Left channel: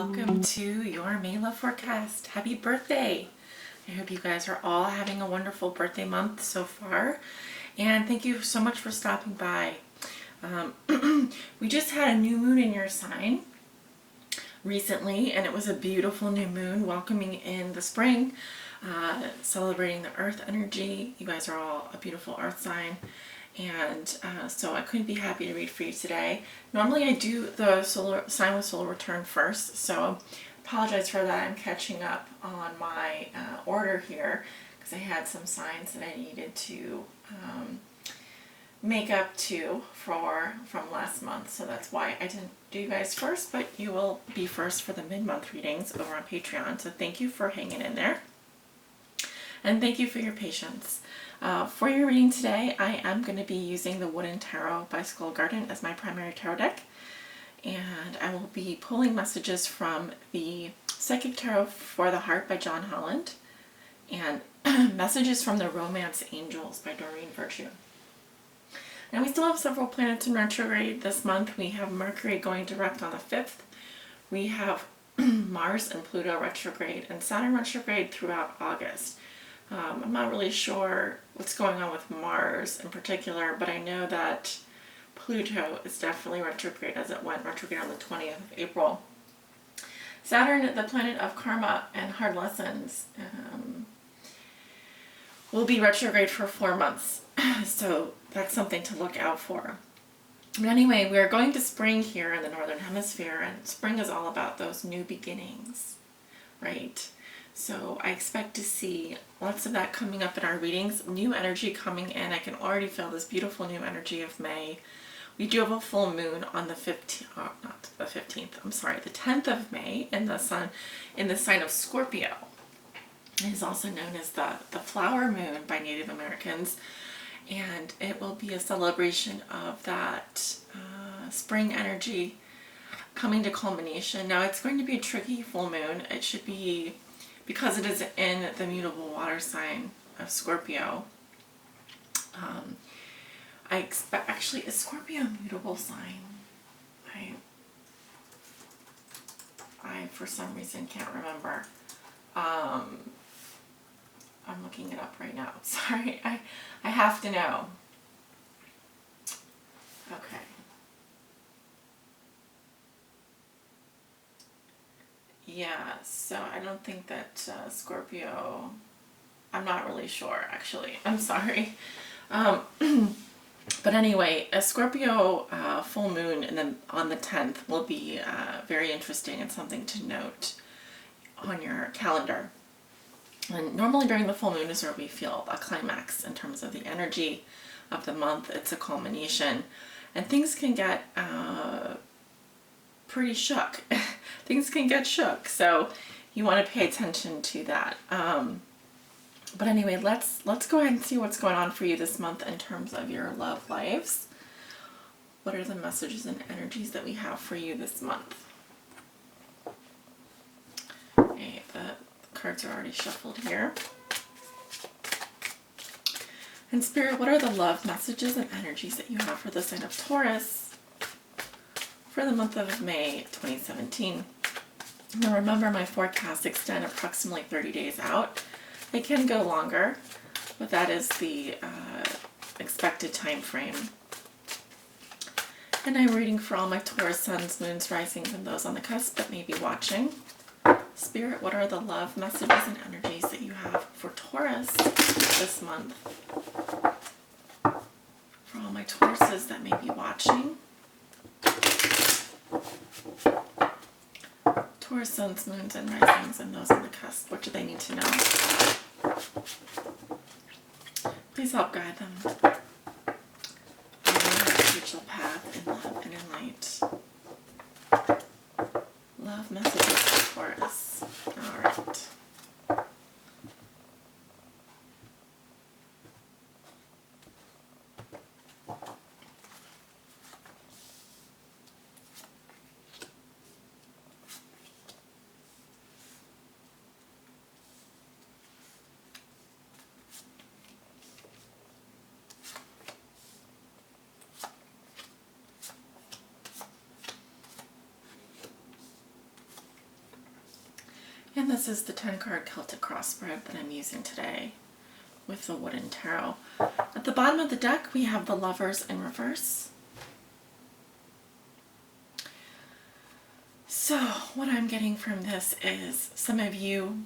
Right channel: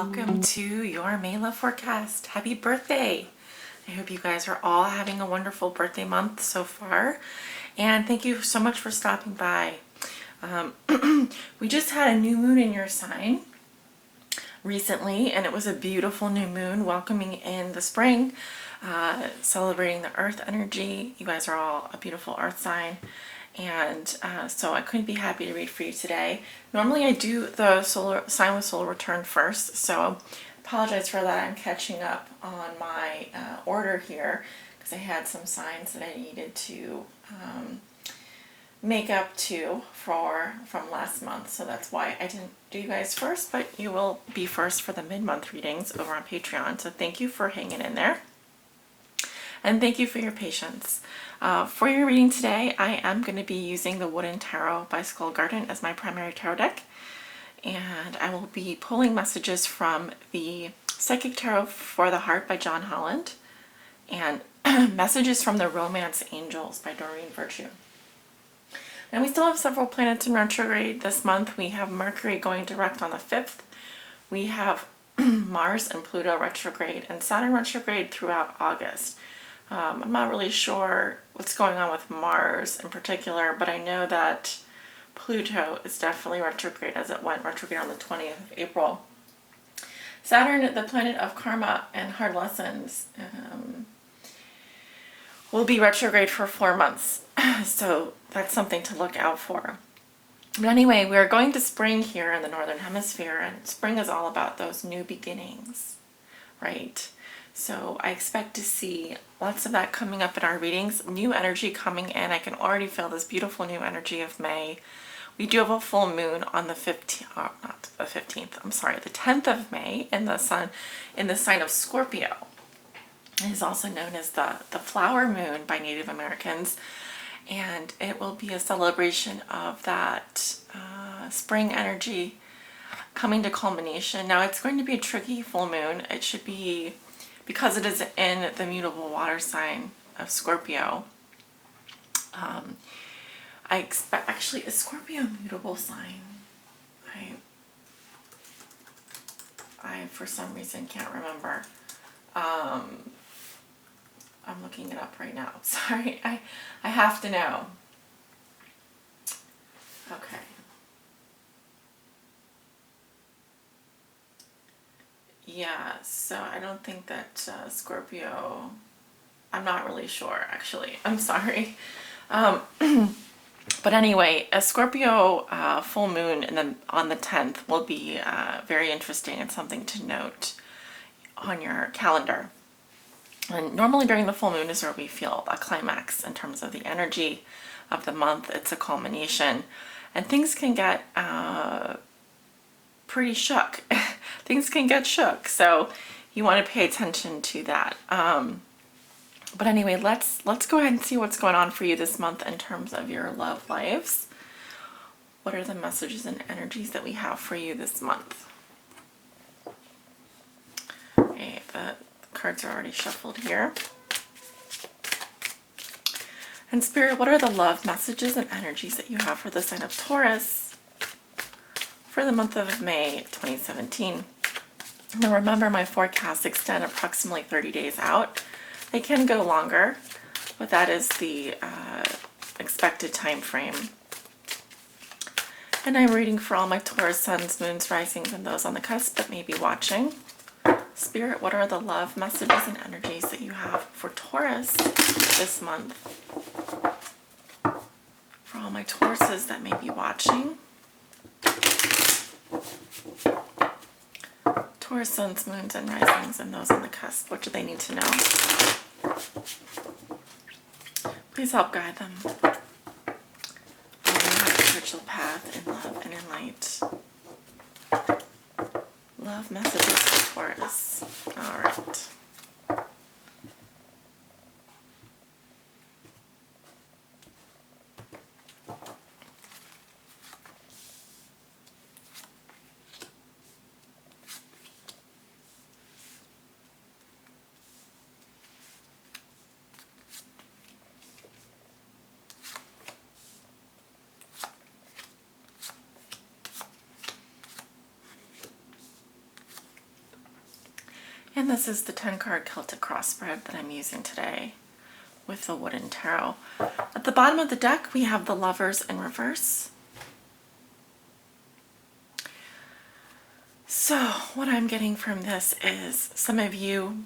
welcome to your May Love forecast. Happy birthday! I hope you guys are all having a wonderful birthday month so far, and thank you so much for stopping by. We just had a new moon in your sign recently, and it was a beautiful new moon welcoming in the spring, celebrating the earth energy. You guys are all a beautiful earth sign, and so I couldn't be happy to read for you today. Normally I do the solar sign with solar return first, so apologize for that. I'm catching up on my order here because I had some signs that I needed to make up to from last month, so that's why I didn't do you guys first, but you will be first for the mid-month readings over on Patreon. So thank you for hanging in there, and thank you for your patience. For your reading today, I am going to be using the Wooden Tarot by Skull Garden as my primary tarot deck, and I will be pulling messages from the Psychic Tarot for the Heart by John Holland and messages from the Romance Angels by Doreen Virtue. And we still have several planets in retrograde this month. We have Mercury going direct on the 5th. We have Mars and Pluto retrograde and Saturn retrograde throughout August. I'm not really sure what's going on with Mars in particular, but I know that Pluto is definitely retrograde, as it went retrograde on the 20th of April. Saturn, the planet of karma and hard lessons, will be retrograde for 4 months. So that's something to look out for. But anyway, we're going to spring here in the Northern Hemisphere, and spring is all about those new beginnings, right? So I expect to see lots of that coming up in our readings. New energy coming in. I can already feel this beautiful new energy of May. We do have a full moon on the 15th, not the 15th, I'm sorry, the 10th of May in the sun, in the sign of Scorpio. It is also known as the flower moon by Native Americans, and it will be a celebration of that spring energy coming to culmination. Now it's going to be a tricky full moon. It should be, because it is in the mutable water sign of Scorpio. I expect, actually, is Scorpio a mutable sign? I for some reason can't remember. I'm looking it up right now. Sorry, I have to know. Okay. Yeah, so I don't think that Scorpio, I'm not really sure, actually. I'm sorry. But anyway, a Scorpio full moon and then on the 10th will be very interesting and something to note on your calendar. And normally during the full moon is where we feel a climax in terms of the energy of the month. It's a culmination, and things can get pretty shook. Things can get shook, so you want to pay attention to that. But anyway, let's go ahead and see what's going on for you this month in terms of your love lives. What are the messages and energies that we have for you this month? Okay, the cards are already shuffled here. And Spirit, what are the love messages and energies that you have for the sign of Taurus for the month of May 2017? Now remember, my forecasts extend approximately 30 days out. They can go longer, but that is the expected time frame. And I'm reading for all my Taurus suns, moons, risings, and those on the cusp that may be watching. Spirit, what are the love messages and energies that you have for Taurus this month? For all my Tauruses that may be watching. Taurus suns, moons, and risings, and those on the cusp. What do they need to know? Please help guide them on their spiritual path in love and in light. Love messages for Taurus. All right. this is the 10 card Celtic cross spread that I'm using today with the wooden tarot. At the bottom of the deck, we have the Lovers in reverse. So what I'm getting from this is some of you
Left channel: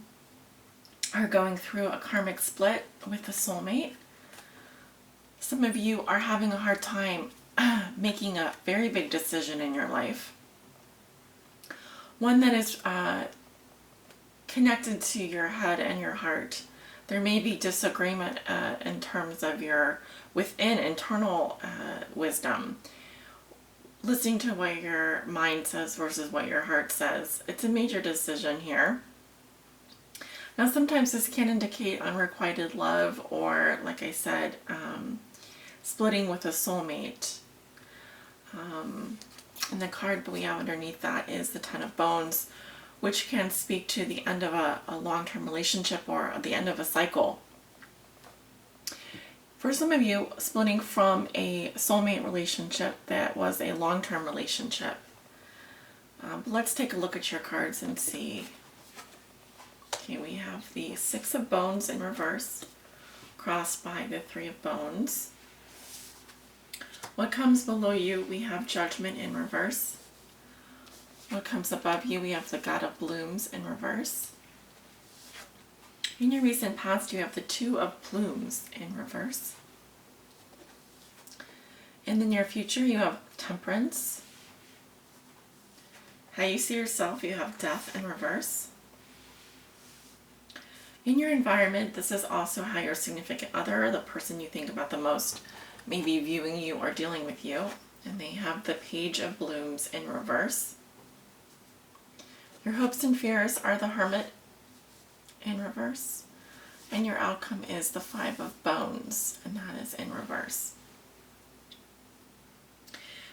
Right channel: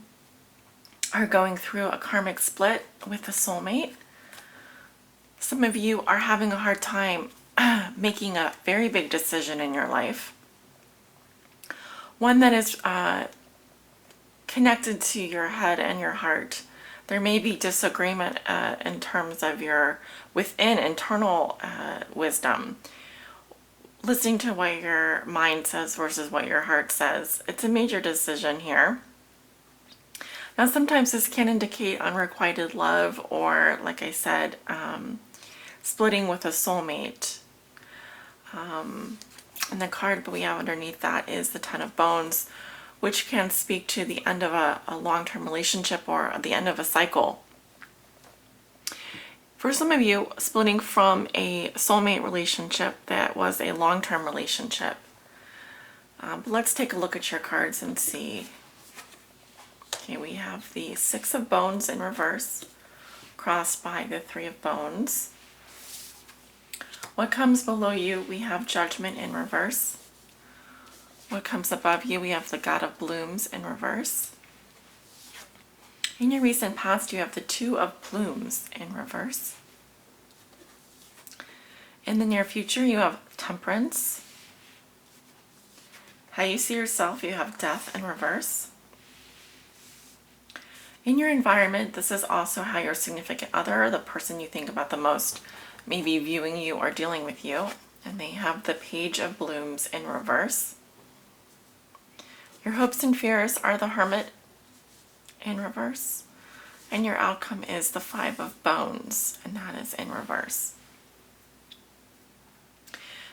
are going through a karmic split with a soulmate. Some of you are having a hard time making a very big decision in your life. One that is connected to your head and your heart. There may be disagreement in terms of your within internal wisdom. Listening to what your mind says versus what your heart says. It's a major decision here. Now sometimes this can indicate unrequited love or, like I said, splitting with a soulmate. And the card we have underneath that is the Ten of Bones, which can speak to the end of a long-term relationship or the end of a cycle. For some of you, splitting from a soulmate relationship that was a long-term relationship. But let's take a look at your cards and see. Okay, we have the Six of Bones in reverse, crossed by the Three of Bones. What comes below you, we have Judgment in reverse. What comes above you, we have the God of Blooms in reverse. In your recent past, you have the Two of Plumes in reverse. In the near future, you have Temperance. How you see yourself, you have Death in reverse. In your environment, this is also how your significant other, the person you think about the most, may be viewing you or dealing with you. And they have the Page of Blooms in reverse. Your hopes and fears are the Hermit in reverse. And your outcome is the Five of Bones, and that is in reverse.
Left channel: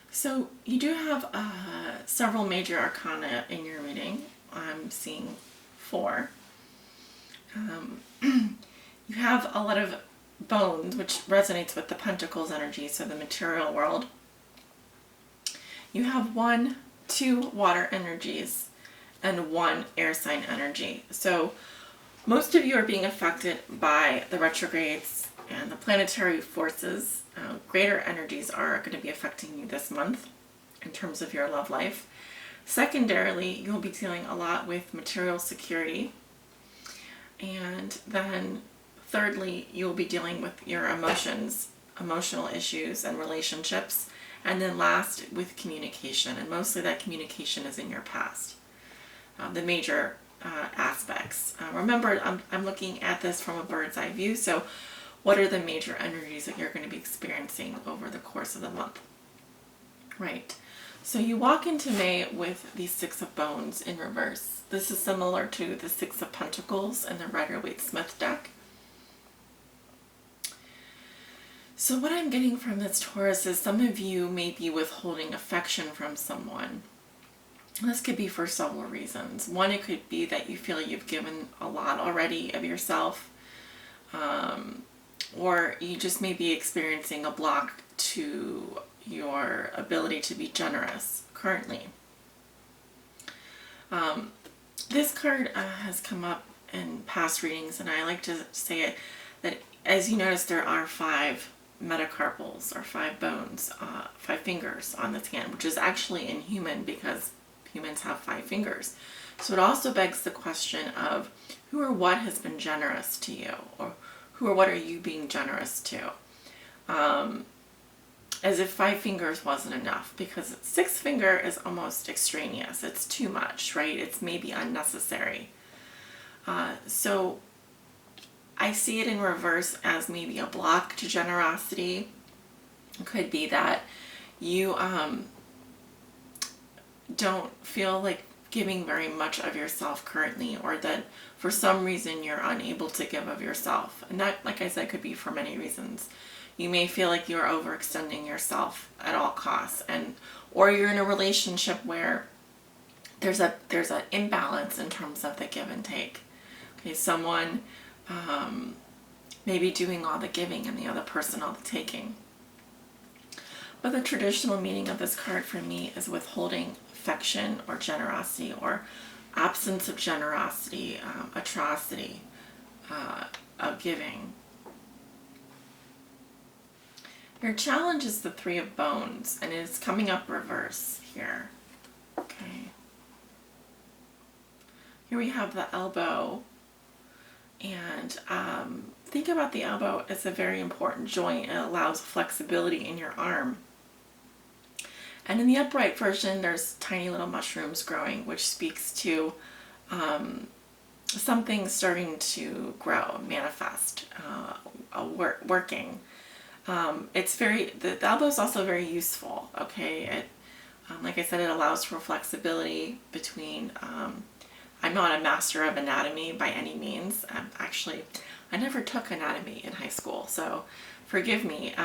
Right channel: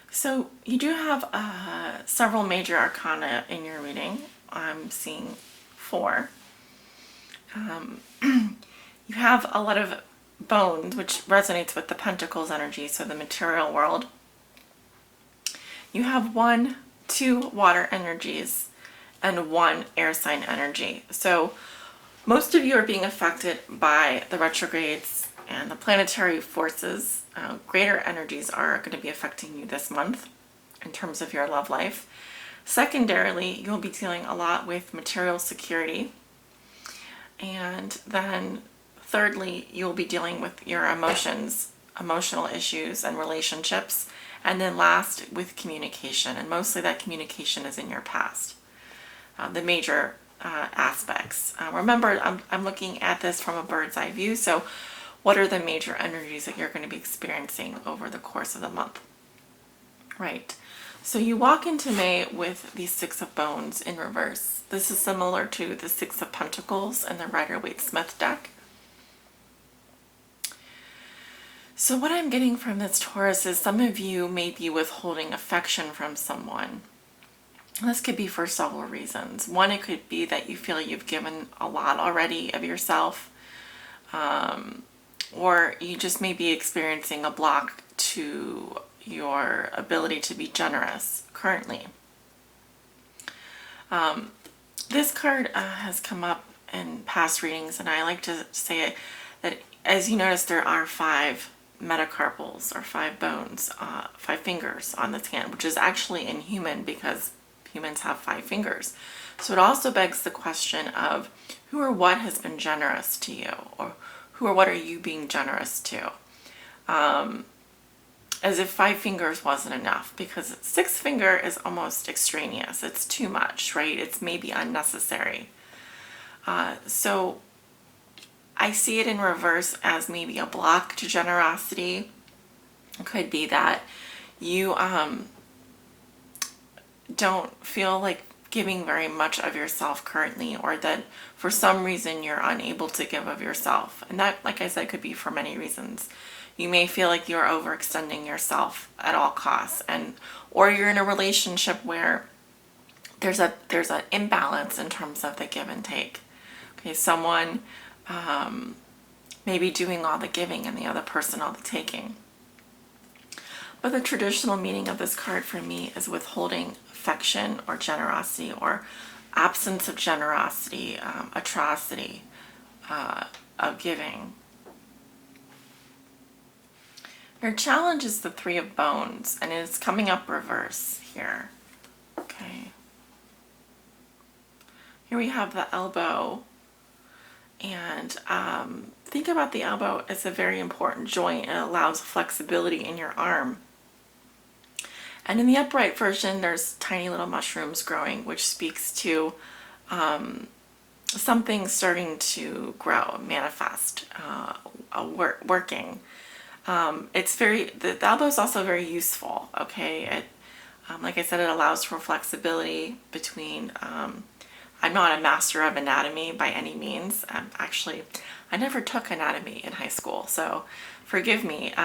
So you do have several major arcana in your reading. I'm seeing 4. You have a lot of bones, which resonates with the Pentacles energy, so the material world. You have 1, 2 water energies and 1 air sign energy. So most of you are being affected by the retrogrades and the planetary forces. Greater energies are going to be affecting you this month in terms of your love life. Secondarily, you'll be dealing a lot with material security. And then thirdly, you'll be dealing with your emotions, emotional issues and relationships. And then last, with communication. And mostly that communication is in your past. The major aspects. Remember, I'm looking at this from a bird's eye view. So what are the major energies that you're going to be experiencing over the course of the month? Right. So you walk into May with the Six of Bones in reverse. This is similar to the Six of Pentacles in the Rider-Waite-Smith deck. So what I'm getting from this, Taurus, is some of you may be withholding affection from someone. This could be for several reasons. One, it could be that you feel you've given a lot already of yourself, or you just may be experiencing a block to your ability to be generous currently. This card has come up in past readings, and I like to say that, as you notice, there are 5 metacarpals, or 5 bones, 5 fingers on this hand, which is actually inhuman because humans have 5 fingers. So it also begs the question of who or what has been generous to you, or who or what are you being generous to? As if 5 fingers wasn't enough, because 6 finger is almost extraneous. It's too much, right? It's maybe unnecessary. So I see it in reverse as maybe a block to generosity. It could be that you don't feel like giving very much of yourself currently, or that for some reason you're unable to give of yourself. And that, like I said, could be for many reasons. You may feel like you're overextending yourself at all costs, or you're in a relationship where there's an imbalance in terms of the give and take. Okay, someone may be doing all the giving and the other person all the taking. But the traditional meaning of this card for me is withholding affection or generosity, or absence of generosity, atrocity, of giving. Your challenge is the Three of Bones, and it's coming up reverse here. Okay. Here we have the elbow, and think about the elbow as a very important joint. It allows flexibility in your arm. And in the upright version, there's tiny little mushrooms growing, which speaks to something starting to grow, manifest, working. The elbow is also very useful. Okay, it, like I said, it allows for flexibility between. I'm not a master of anatomy by any means. Actually, I never took anatomy in high school, so forgive me.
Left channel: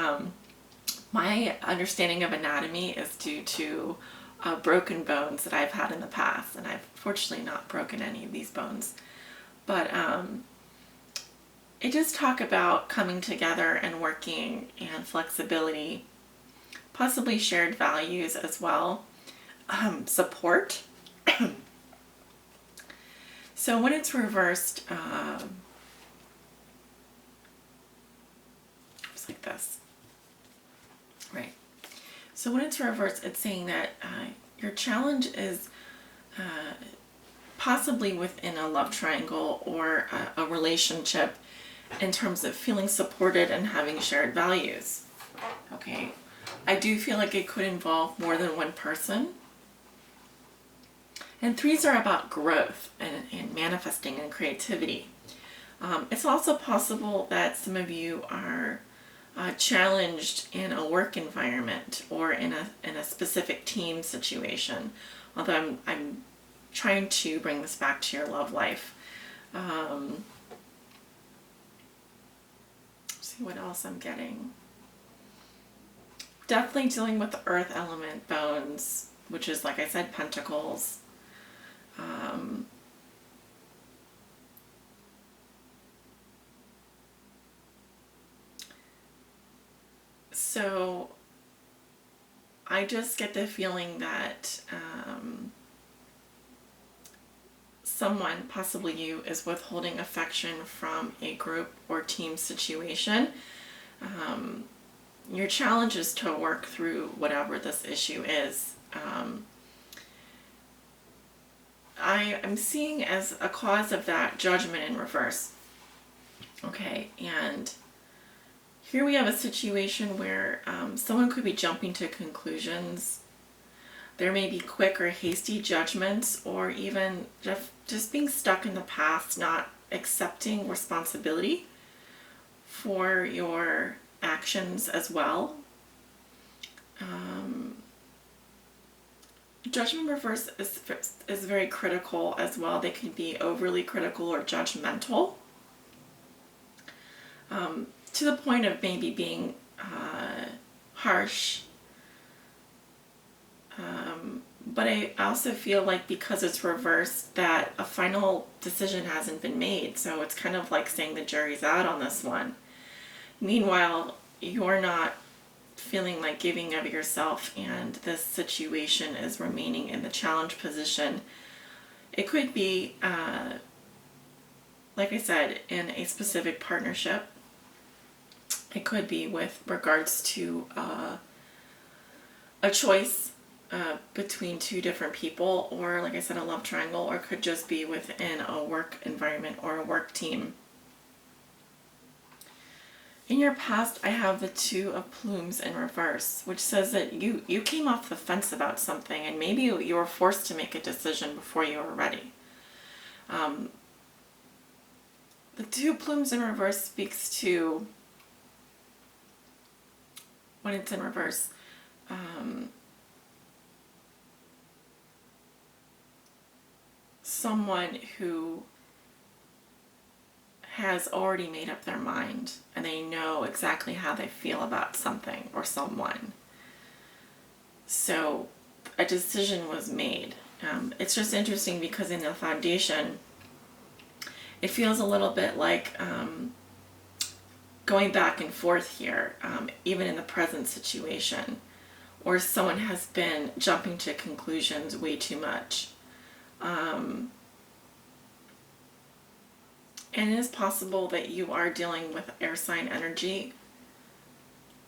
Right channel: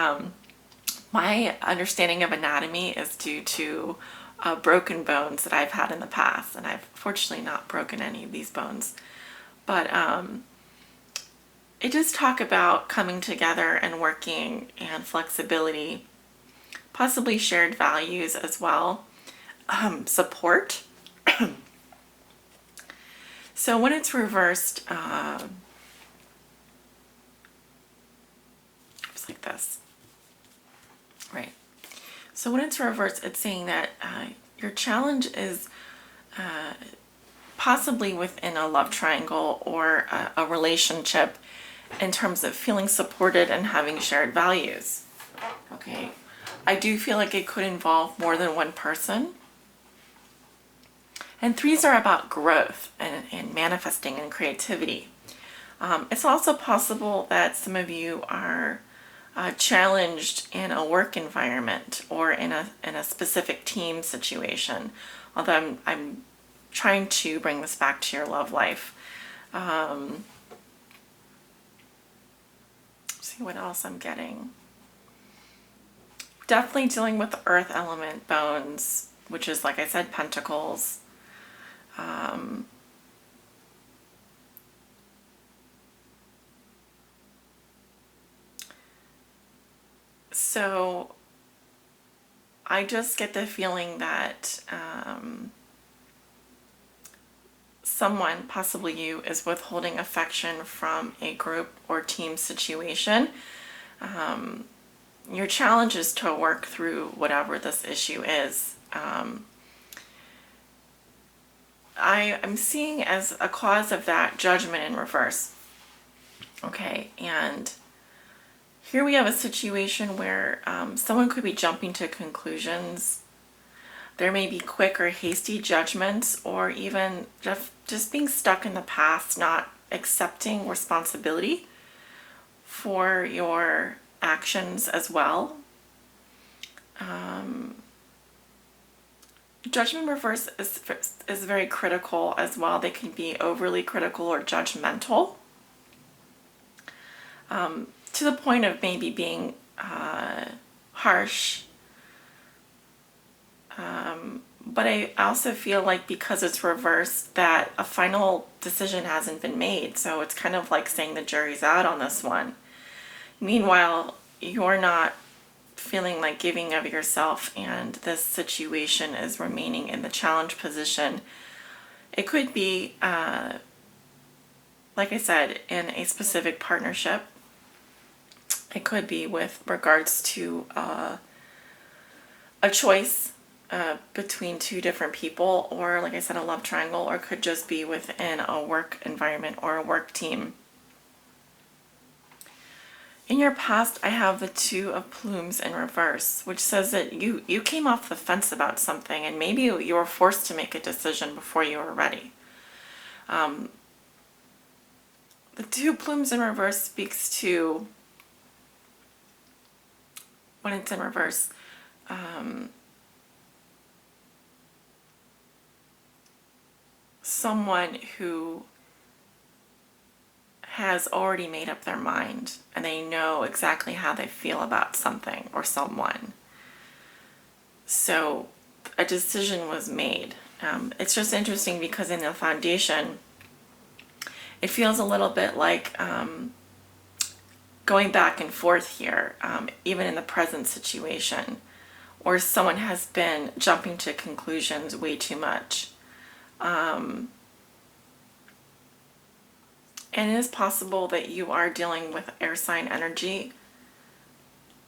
My understanding of anatomy is due to broken bones that I've had in the past, and I've fortunately not broken any of these bones. But it does talk about coming together and working and flexibility, possibly shared values as well, support. So when it's reversed, it's like this, right? So when it's reversed, it's saying that your challenge is possibly within a love triangle or a relationship in terms of feeling supported and having shared values. Okay, I do feel like it could involve more than one person. And threes are about growth and manifesting and creativity. It's also possible that some of you are challenged in a work environment or in a specific team situation. Although I'm trying to bring this back to your love life. See what else I'm getting. Definitely dealing with the earth element bones, which is, like I said, pentacles. So I just get the feeling that someone, possibly you, is withholding affection from a group or team situation. Your challenge is to work through whatever this issue is. I'm seeing as a cause of that judgment in reverse. Okay, and here we have a situation where someone could be jumping to conclusions. There may be quick or hasty judgments, or even just being stuck in the past, not accepting responsibility for your actions as well. Judgment reverse is very critical as well. They can be overly critical or judgmental, to the point of maybe being harsh. But I also feel like because it's reversed that a final decision hasn't been made. So it's kind of like saying the jury's out on this one. Meanwhile, you're not feeling like giving of yourself, and this situation is remaining in the challenge position. It could be, like I said, in a specific partnership. It could be with regards to a choice between two different people, or like I said, a love triangle, or it could just be within a work environment or a work team. In your past, I have the Two of Plumes in reverse, which says that you came off the fence about something, and maybe you were forced to make a decision before you were ready. The Two Plumes in reverse speaks to, when it's in reverse, someone who has already made up their mind and they know exactly how they feel about something or someone. So a decision was made. It's just interesting because in the foundation, it feels a little bit like going back and forth here, even in the present situation, or someone has been jumping to conclusions way too much. And it is possible that you are dealing with air sign energy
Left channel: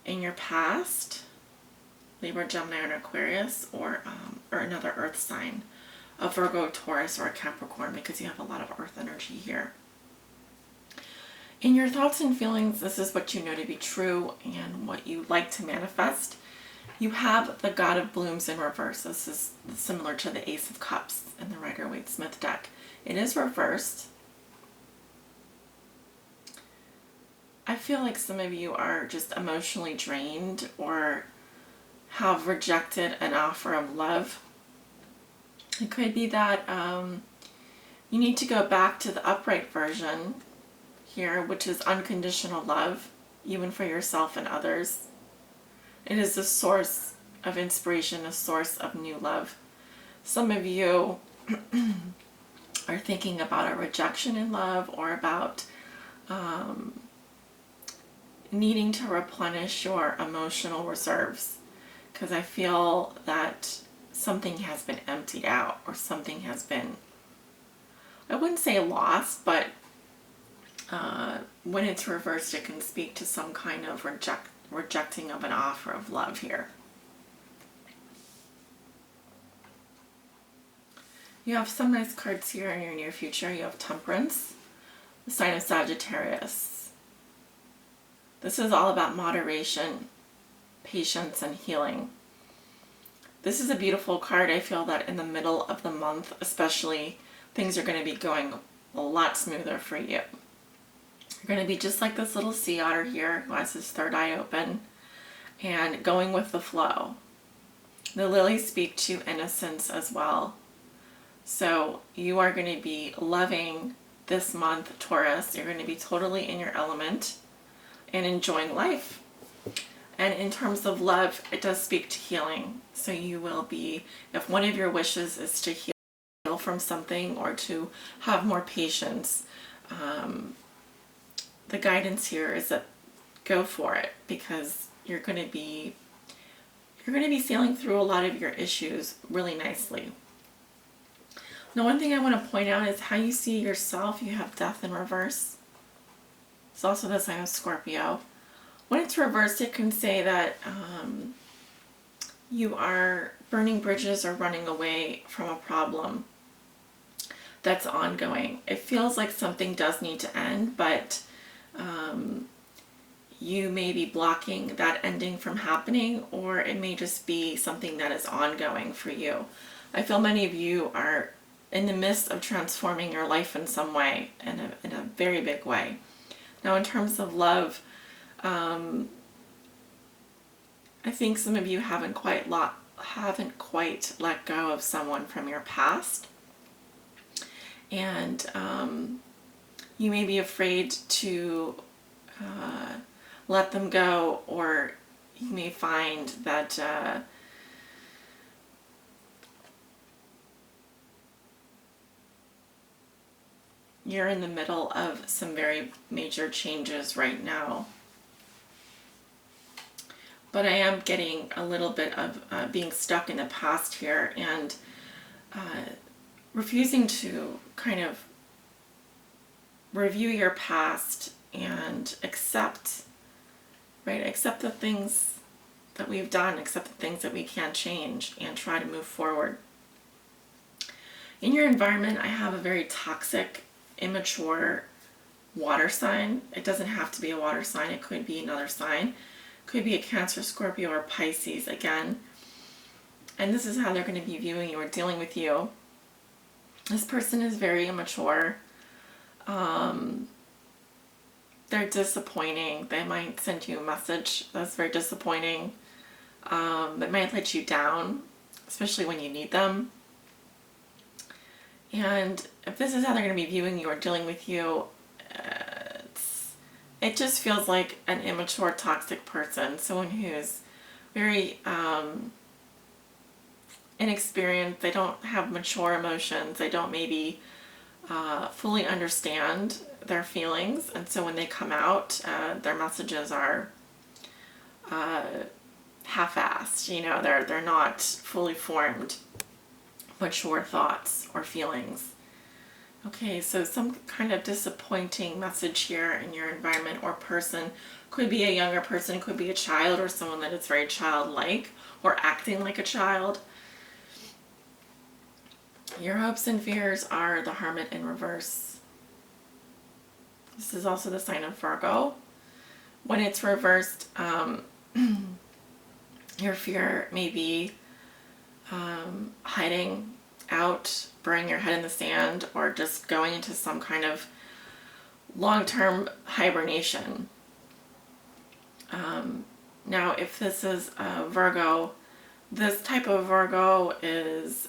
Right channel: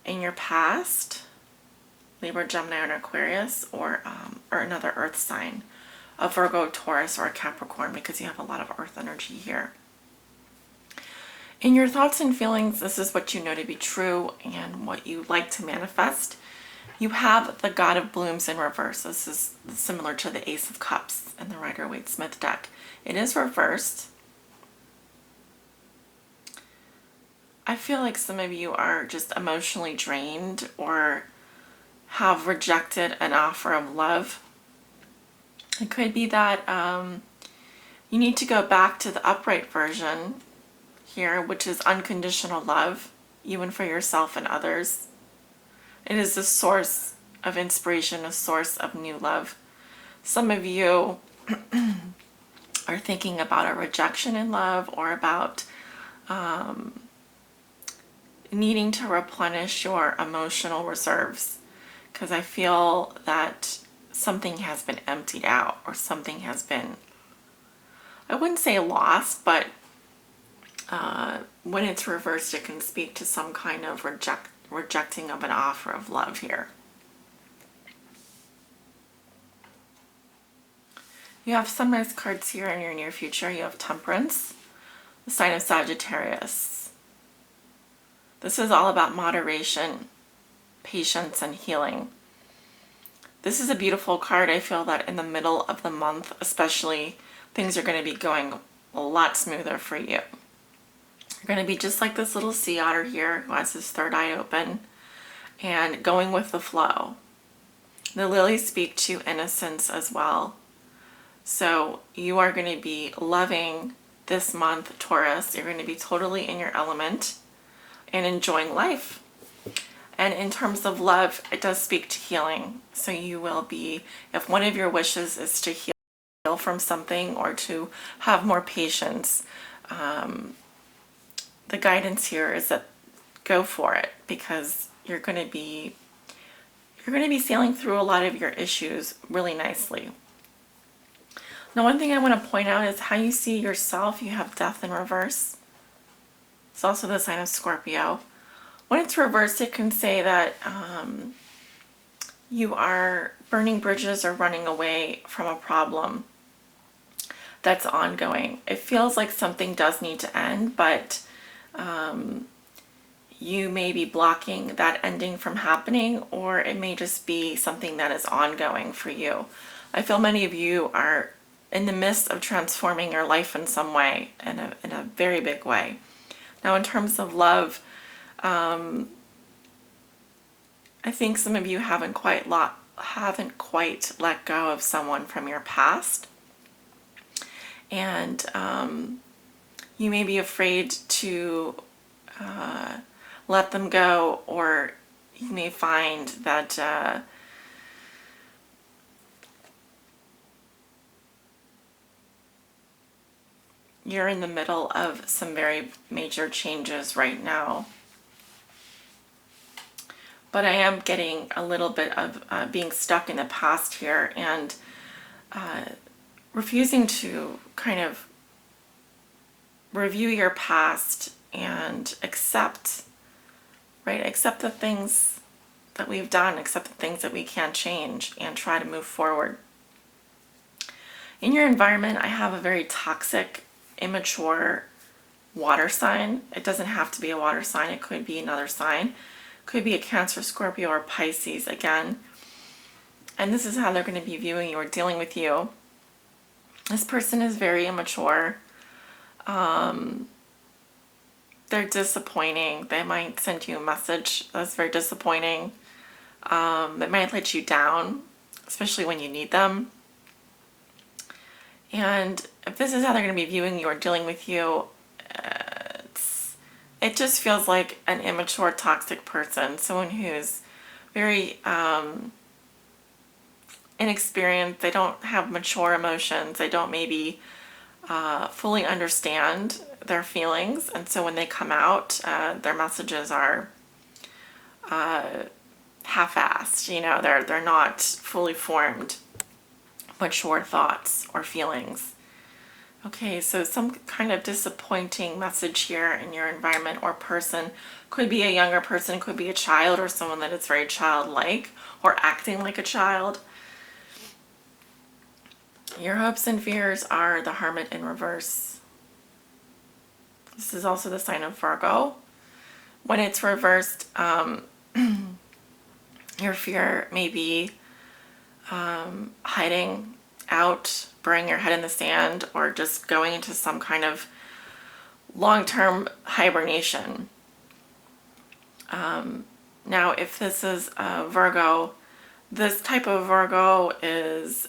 in your past, Libra, Gemini, and Aquarius, or another earth sign, a Virgo, Taurus, or a Capricorn, because you have a lot of earth energy here. In your thoughts and feelings, this is what you know to be true and what you like to manifest. You have the God of Blooms in reverse. This is similar to the Ace of Cups in the Rider-Waite-Smith deck. It is reversed. I feel like some of you are just emotionally drained or have rejected an offer of love. It could be that you need to go back to the upright version here, which is unconditional love, even for yourself and others. It is a source of inspiration, a source of new love. Some of you are thinking about a rejection in love, or about needing to replenish your emotional reserves, because I feel that something has been emptied out, or something has been, I wouldn't say lost, but when it's reversed, it can speak to some kind of rejecting of an offer of love here. You have some nice cards here in your near future. You have Temperance, the sign of Sagittarius. This is all about moderation, patience, and healing. This is a beautiful card. I feel that in the middle of the month, especially, things are going to be going a lot smoother for you. You're going to be just like this little sea otter here who has his third eye open and going with the flow. The lilies speak to innocence as well. So you are going to be loving this month, Taurus. You're going to be totally in your element and enjoying life. And in terms of love, it does speak to healing. So you will be, if one of your wishes is to heal from something or to have more patience, the guidance here is that go for it, because you're going to be sailing through a lot of your issues really nicely. Now, one thing I want to point out is how you see yourself. You have Death in reverse. It's also the sign of Scorpio. When it's reversed, it can say that you are burning bridges or running away from a problem that's ongoing. It feels like something does need to end, but you may be blocking that ending from happening, or it may just be something that is ongoing for you. I feel many of you are in the midst of transforming your life in some way, in a very big way. Now, in terms of love, I think some of you haven't quite let go of someone from your past, and you may be afraid to let them go, or you may find that you're in the middle of some very major changes right now. But I am getting a little bit of being stuck in the past here, and refusing to kind of review your past and accept the things that we've done, accept the things that we can't change, and try to move forward. In your environment, I have a very toxic, immature water sign. It doesn't have to be a water sign. It could be another sign. It could be a Cancer, Scorpio, or Pisces again. And this is how they're going to be viewing you or dealing with you. This person is very immature. They're disappointing. They might send you a message that's very disappointing. That might let you down, especially when you need them. And if this is how they're going to be viewing you or dealing with you, it just feels like an immature, toxic person, someone who's very inexperienced. They don't have mature emotions. They don't maybe fully understand their feelings, and so when they come out, their messages are half-assed. You know, they're not fully formed, mature thoughts or feelings. Okay, so some kind of disappointing message here in your environment or person. Could be a younger person, could be a child, or someone that is very childlike or acting like a child. Your hopes and fears are the Hermit in reverse. This is also the sign of Virgo. When it's reversed, your fear may be hiding out, burying your head in the sand, or just going into some kind of long-term hibernation. Now, if this is a Virgo, this type of Virgo is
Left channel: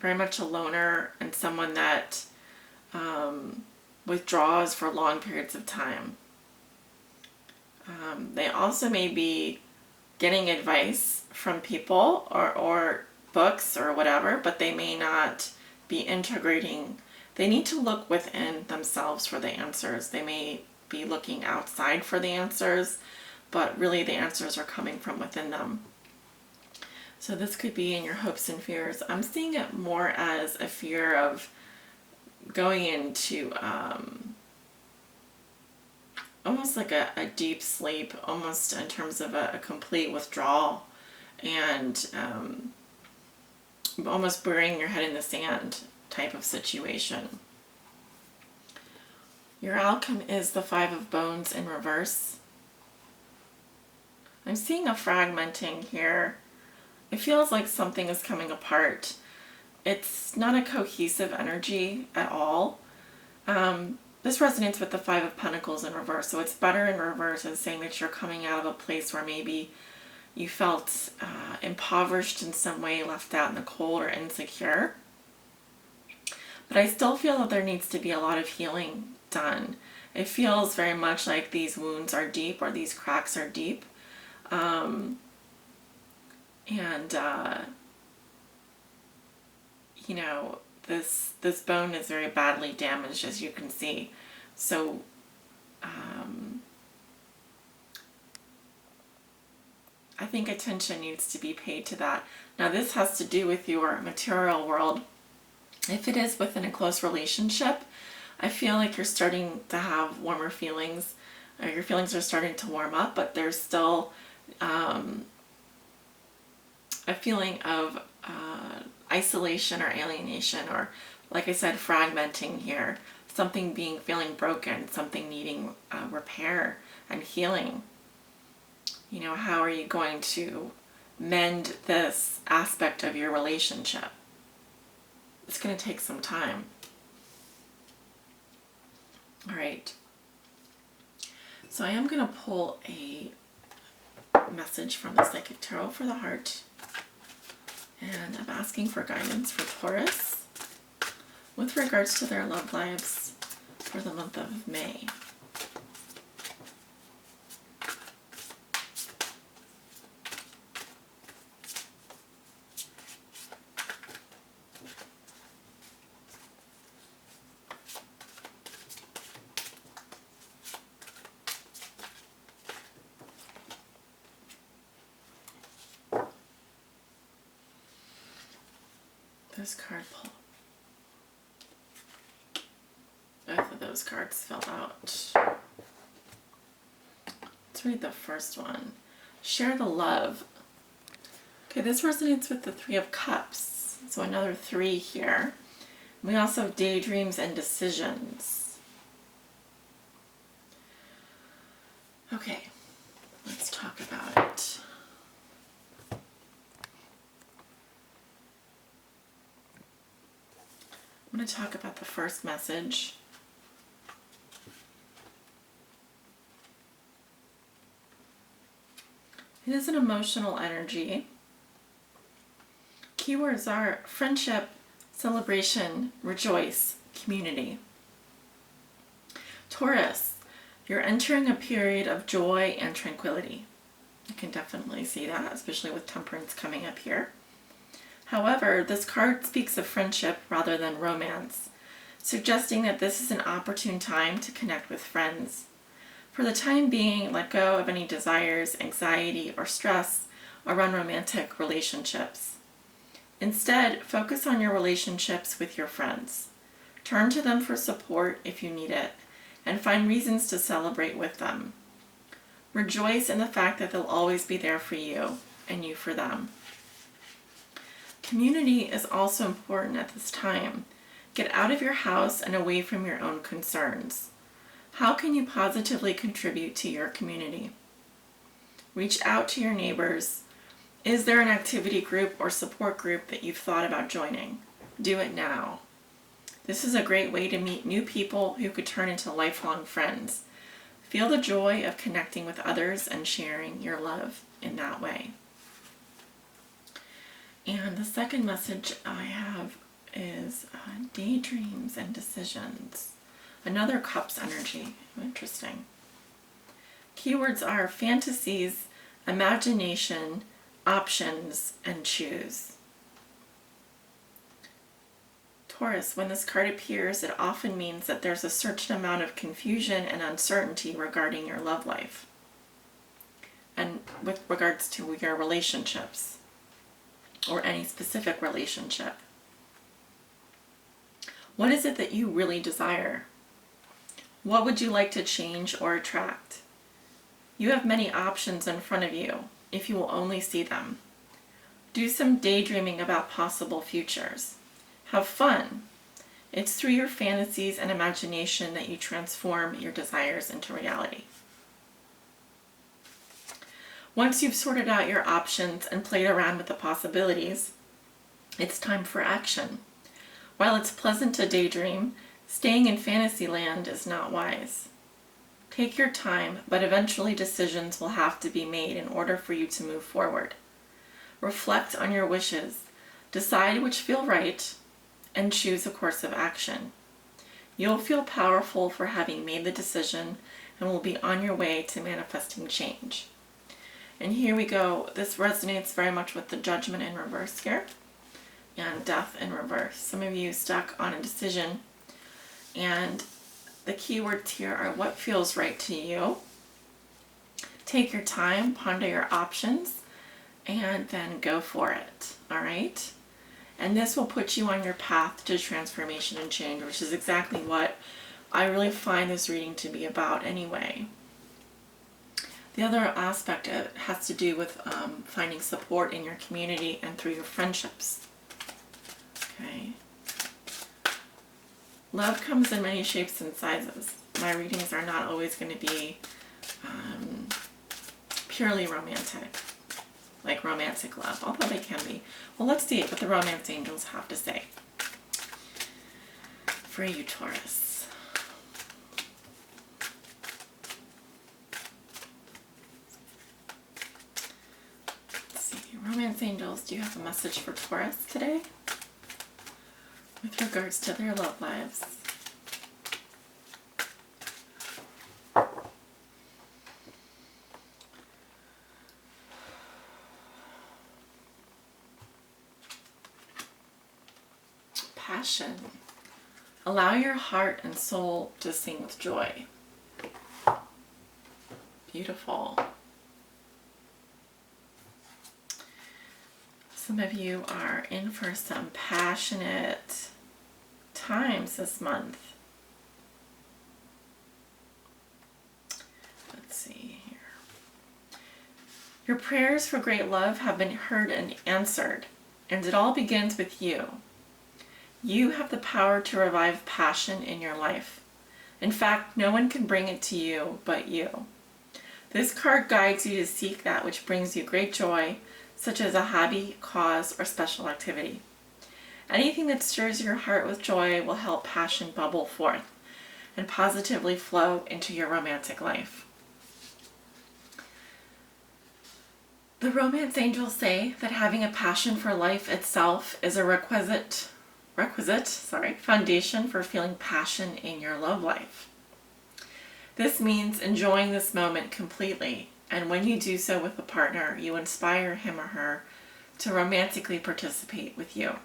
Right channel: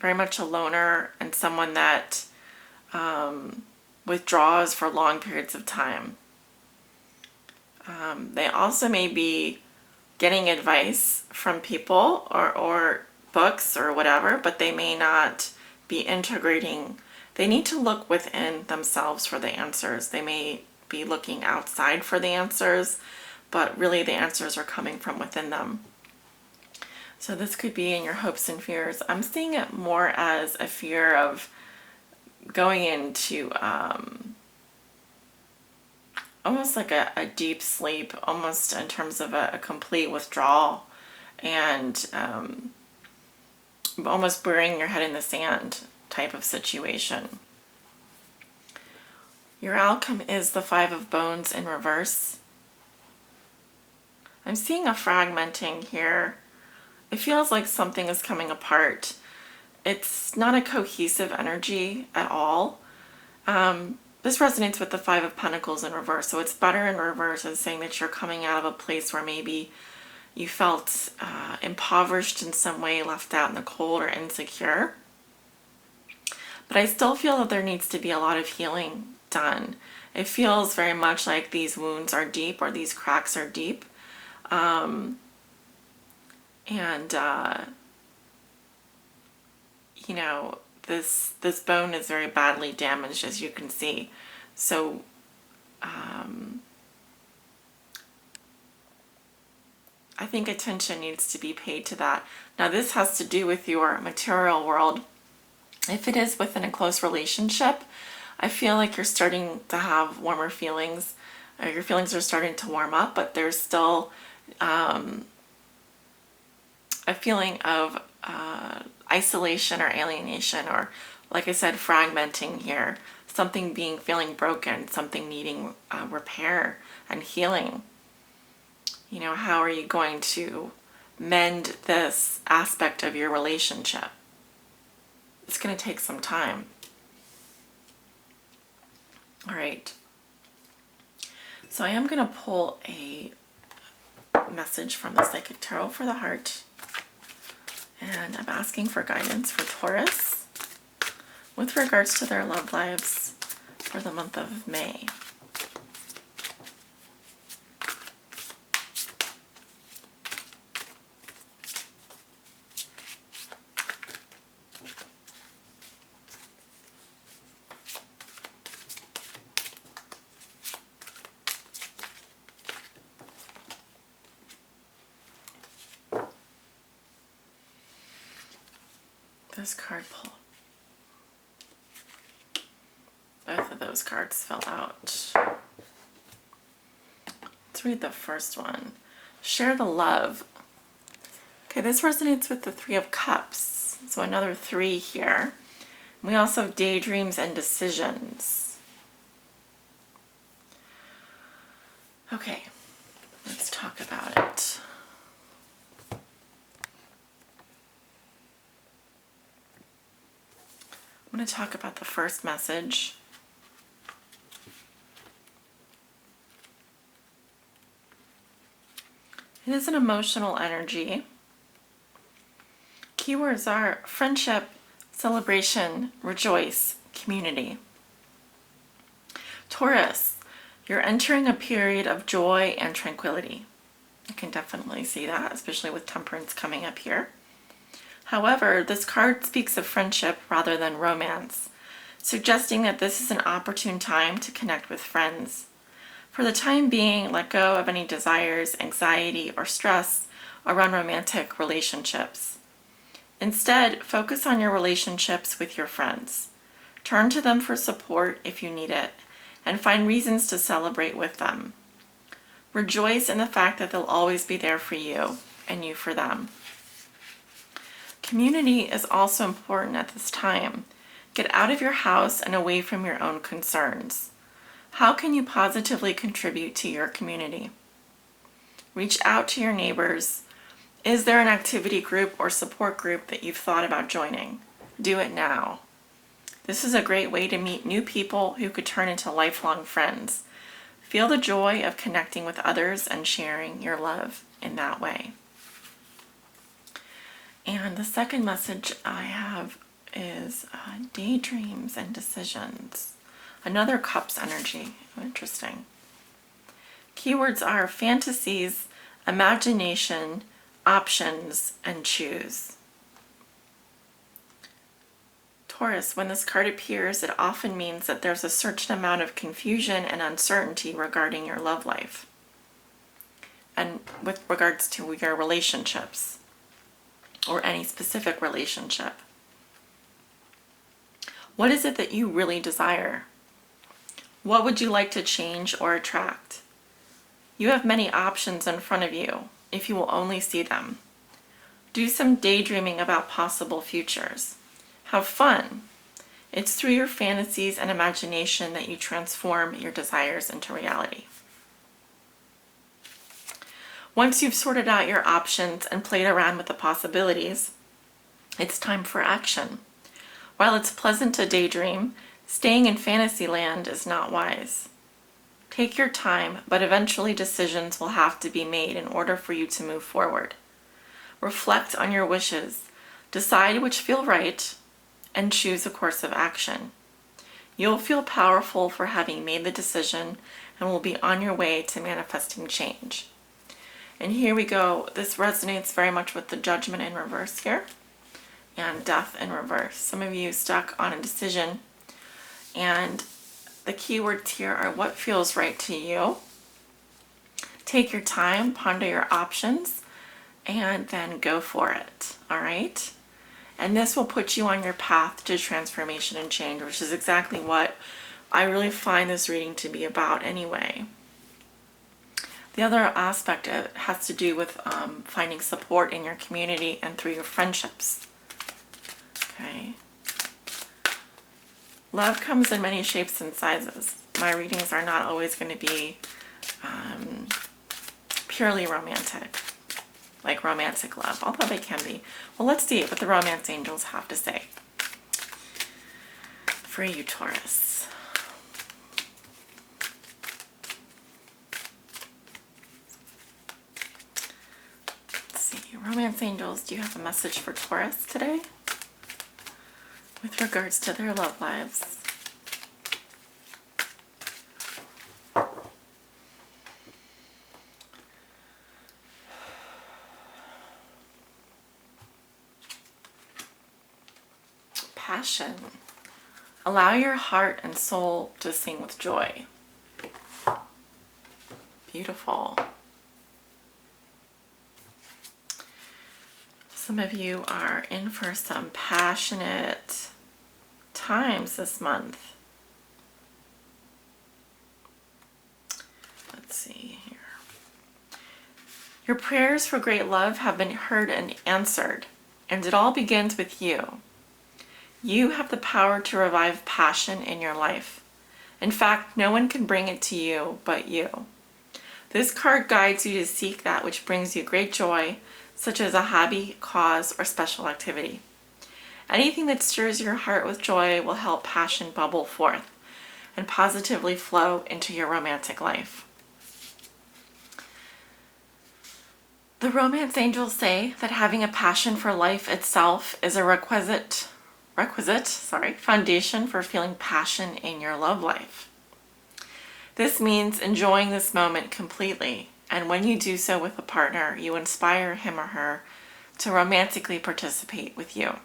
very much a loner and someone that withdraws for long periods of time. They also may be getting advice from people or books or whatever, but they may not be integrating. They need to look within themselves for the answers. They may be looking outside for the answers, but really the answers are coming from within them. So this could be in your hopes and fears. I'm seeing it more as a fear of going into almost like a deep sleep, almost in terms of a complete withdrawal, and almost burying your head in the sand type of situation. Your outcome is the Five of Bones in reverse. I'm seeing a fragmenting here. It feels like something is coming apart. It's not a cohesive energy at all. This resonates with the Five of Pentacles in reverse. So it's better in reverse as saying that you're coming out of a place where maybe you felt impoverished in some way, left out in the cold, or insecure. But I still feel that there needs to be a lot of healing done. It feels very much like these wounds are deep, or these cracks are deep. You know, this bone is very badly damaged, as you can see. So I think attention needs to be paid to that. Now, this has to do with your material world. If it is within a close relationship, I feel like you're starting to have warmer feelings, or your feelings are starting to warm up, but there's still a feeling of isolation or alienation, or, like I said, fragmenting here. Something feeling broken, something needing repair and healing. You know, how are you going to mend this aspect of your relationship? It's going to take some time. All right. So I am going to pull a message from the Psychic Tarot for the heart. And I'm asking for guidance for Taurus with regards to their love lives for the month of May. This card pull. Both of those cards fell out. Let's read the first one. Share the love. Okay, this resonates with the Three of Cups. So another 3 here. We also have daydreams and decisions. Okay, let's talk about it. I'm going to talk about the first message. It is an emotional energy. Keywords are friendship, celebration, rejoice, community. Taurus, you're entering a period of joy and tranquility. I can definitely see that, especially with Temperance coming up here. However, this card speaks of friendship rather than romance, suggesting that this is an opportune time to connect with friends. For the time being, let go of any desires, anxiety, or stress around romantic relationships. Instead, focus on your relationships with your friends. Turn to them for support if you need it, and find reasons to celebrate with them. Rejoice in the fact that they'll always be there for you, and you for them. Community is also important at this time. Get out of your house and away from your own concerns. How can you positively contribute to your community? Reach out to your neighbors. Is there an activity group or support group that you've thought about joining? Do it now. This is a great way to meet new people who could turn into lifelong friends. Feel the joy of connecting with others and sharing your love in that way. And the second message I have is daydreams and decisions. Another Cups energy. Interesting. Keywords are fantasies, imagination, options, and choose. Taurus, when this card appears, it often means that there's a certain amount of confusion and uncertainty regarding your love life and with regards to your relationships or any specific relationship. What is it that you really desire? What would you like to change or attract? You have many options in front of you if you will only see them. Do some daydreaming about possible futures. Have fun. It's through your fantasies and imagination that you transform your desires into reality. Once you've sorted out your options and played around with the possibilities, it's time for action. While it's pleasant to daydream, staying in fantasy land is not wise. Take your time, but eventually decisions will have to be made in order for you to move forward. Reflect on your wishes, decide which feel right, and choose a course of action. You'll feel powerful for having made the decision and will be on your way to manifesting change. And here we go. This resonates very much with the Judgment in reverse here and Death in reverse. Some of you stuck on a decision, and the keywords here are what feels right to you. Take your time, ponder your options, and then go for it. All right? And this will put you on your path to transformation and change, which is exactly what I really find this reading to be about anyway. The other aspect has to do with finding support in your community and through your friendships. Okay. Love comes in many shapes and sizes. My readings are not always going to be purely romantic, like romantic love, although they can be. Well, let's see what the romance angels have to say for you, Taurus. Let's see, romance angels, do you have a message for Taurus today with regards to their love lives? Passion. Allow your heart and soul to sing with joy. Beautiful. Some of you are in for some passionate times this month. Let's see here. Your prayers for great love have been heard and answered, and it all begins with you. You have the power to revive passion in your life. In fact, no one can bring it to you but you. This card guides you to seek that which brings you great joy, such as a hobby, cause, or special activity. Anything that stirs your heart with joy will help passion bubble forth and positively flow into your romantic life. The romance angels say that having a passion for life itself is a requisite foundation for feeling passion in your love life. This means enjoying this moment completely, and when you do so with a partner, you inspire him or her to romantically participate with you.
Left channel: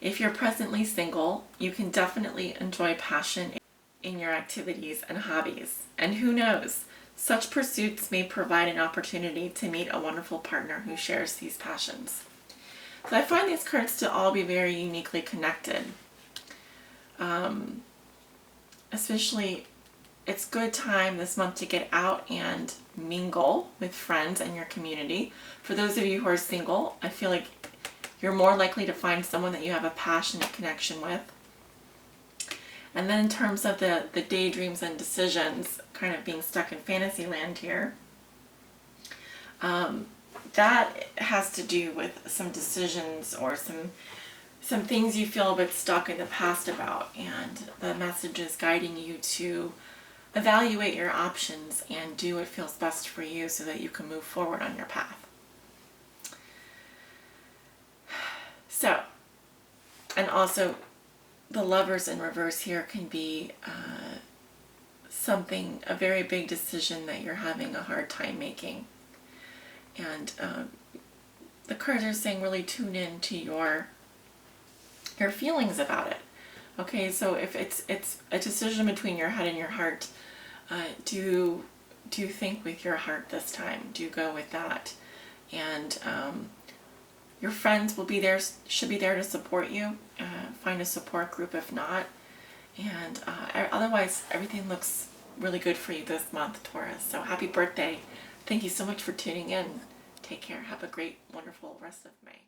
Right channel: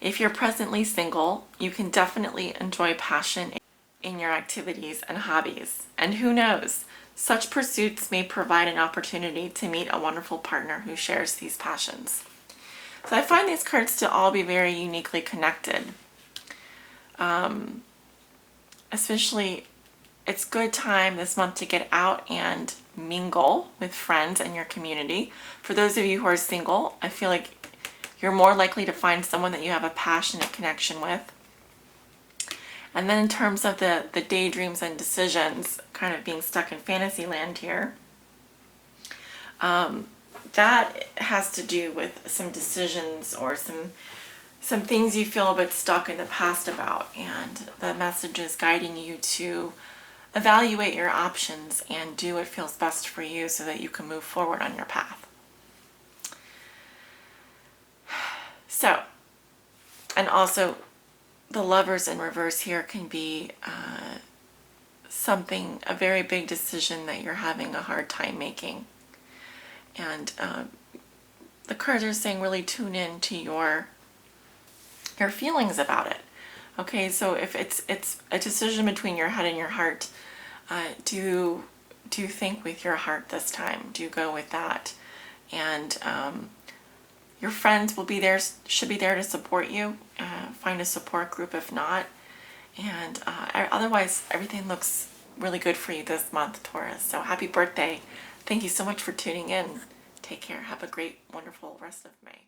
If you're presently single, you can definitely enjoy passion in your activities and hobbies. And who knows, such pursuits may provide an opportunity to meet a wonderful partner who shares these passions. So I find these cards to all be very uniquely connected. Especially, it's good time this month to get out and mingle with friends and your community. For those of you who are single, I feel like you're more likely to find someone that you have a passionate connection with. And then in terms of the daydreams and decisions, kind of being stuck in fantasy land here, that has to do with some decisions or some things you feel a bit stuck in the past about, and the message is guiding you to evaluate your options and do what feels best for you so that you can move forward on your path. So, and also the Lovers in reverse here can be a very big decision that you're having a hard time making. And the cards are saying really tune in to your feelings about it. Okay, so if it's a decision between your head and your heart, do think with your heart this time. Do go with that. And your friends will be there, should be there to support you. Find a support group if not. And otherwise, everything looks really good for you this month, Taurus. So happy birthday. Thank you so much for tuning in. Take care. Have a great, wonderful rest of May.